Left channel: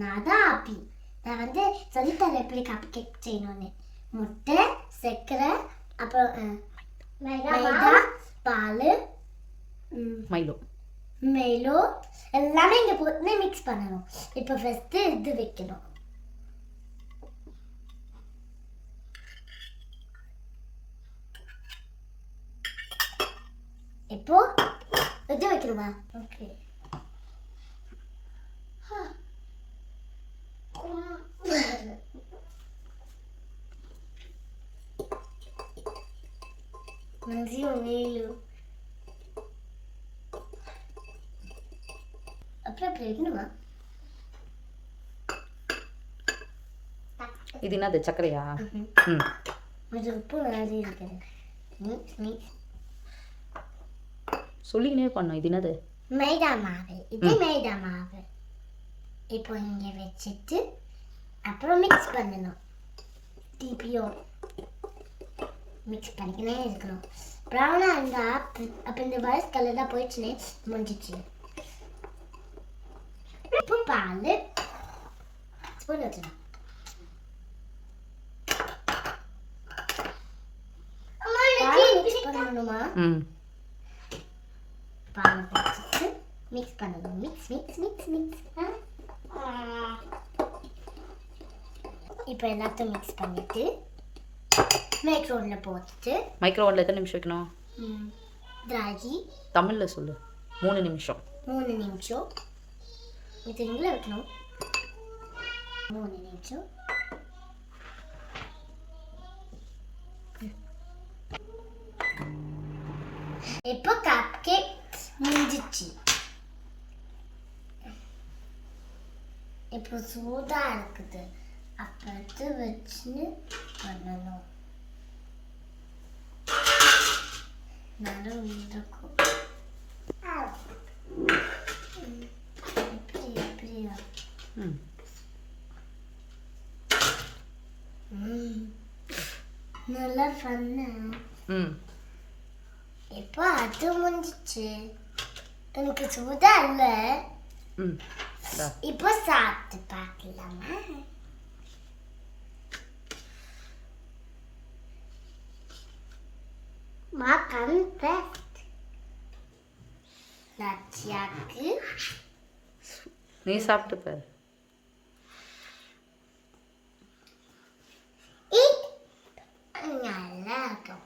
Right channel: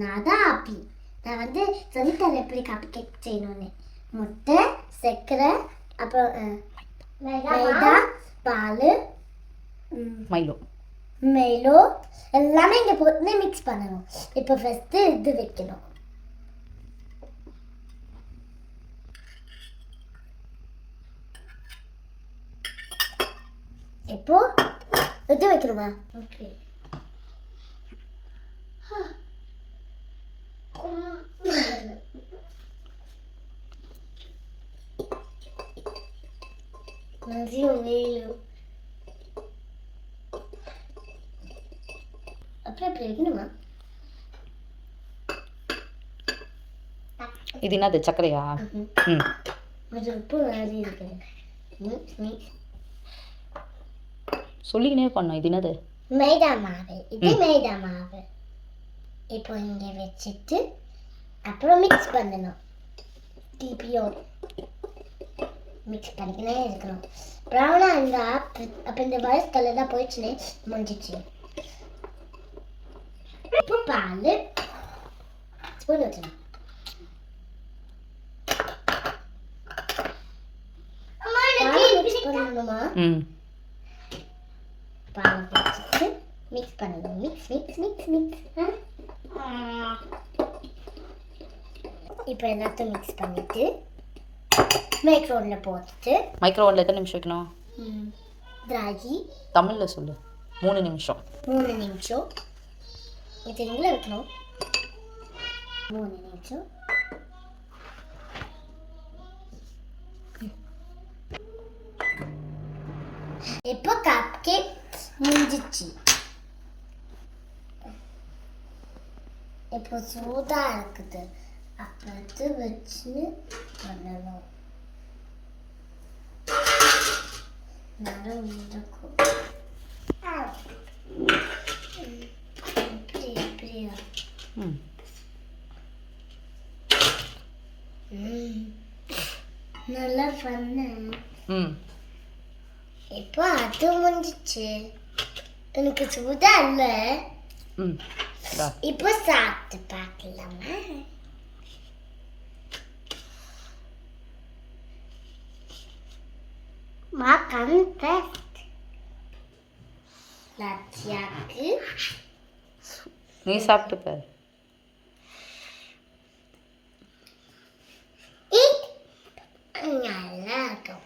நான் தான் ஆப்பி. நான் வந்து சொல்லித்தரேன் எப்படி கப் கேக் செய்யணும்னு. முட்டை, சர்க்கரை, அப்புறம் மைதா, பால், மைலோ எல்லாமே இங்கே போட்டு மிக்ஸ் பண்ணணும். இப்போ ஃபஸ்ட்டு இது வைக்கணும். இப்போ இது வைக்கணுமா? ஓகே. அப்புறம் வைக்கணுமா? இது என்னது சர்க்கரையா? கொஞ்சம் உப்பு நிறைய இருக்கு. சொல்லிக்கினே பண்ணோம். இது என்னது? மைதா மாவு. இது மைதா மாவு. இப்போ இங்கே வச்சுட்டு அப்புறம் மிக்ஸ் பண்ணணும். டிபியும் மிக்ஸ் பண்ணிக்கினே இருக்கணும். ப்ரௌனாக இருந்தால் அப்போ இந்த வயசு கலர் தான் போயிடுச்சுன்னு முடிஞ்சிச்சு. இப்போ பால் ஸ்பூன் வச்சுணும். மிக்ஸ் பண்ணணுமா? பால் வச்சுட்டு மிக்ஸ் பண்ணணும். Mix mix mix mix. இப்போ எல்லாத்தையும் மிக்ஸ் பண்ணிட்டு மைக்ரோவனில் போட்டுட்டு. மைக்ரோவனில் எத்தனை நிமிஷம் வைக்கணும்? திராட்சை தமிழில் சொல்லு. 3 நிமிஷம். 3 நிமிஷம். இது எங்கே வைக்கணும்? 3 நிமிஷம். இப்போ கப் கேக் முடிஞ்சிச்சு. இப்போ சூடாக இருக்குது. அப்போ வச்சு பண்ணணும். நரம் இருக்கும். எப்படியா? நல்லா பண்ண. இப்போ அது முடிஞ்சிச்சு. எனக்கு சூடா இல்லை. இப்போ சாப்பிட்டு பார்க்கலாமா? Makan fest. Latiaக்கு நீ சாப்பிட்டு பாரு. நல்லா இருக்கும்.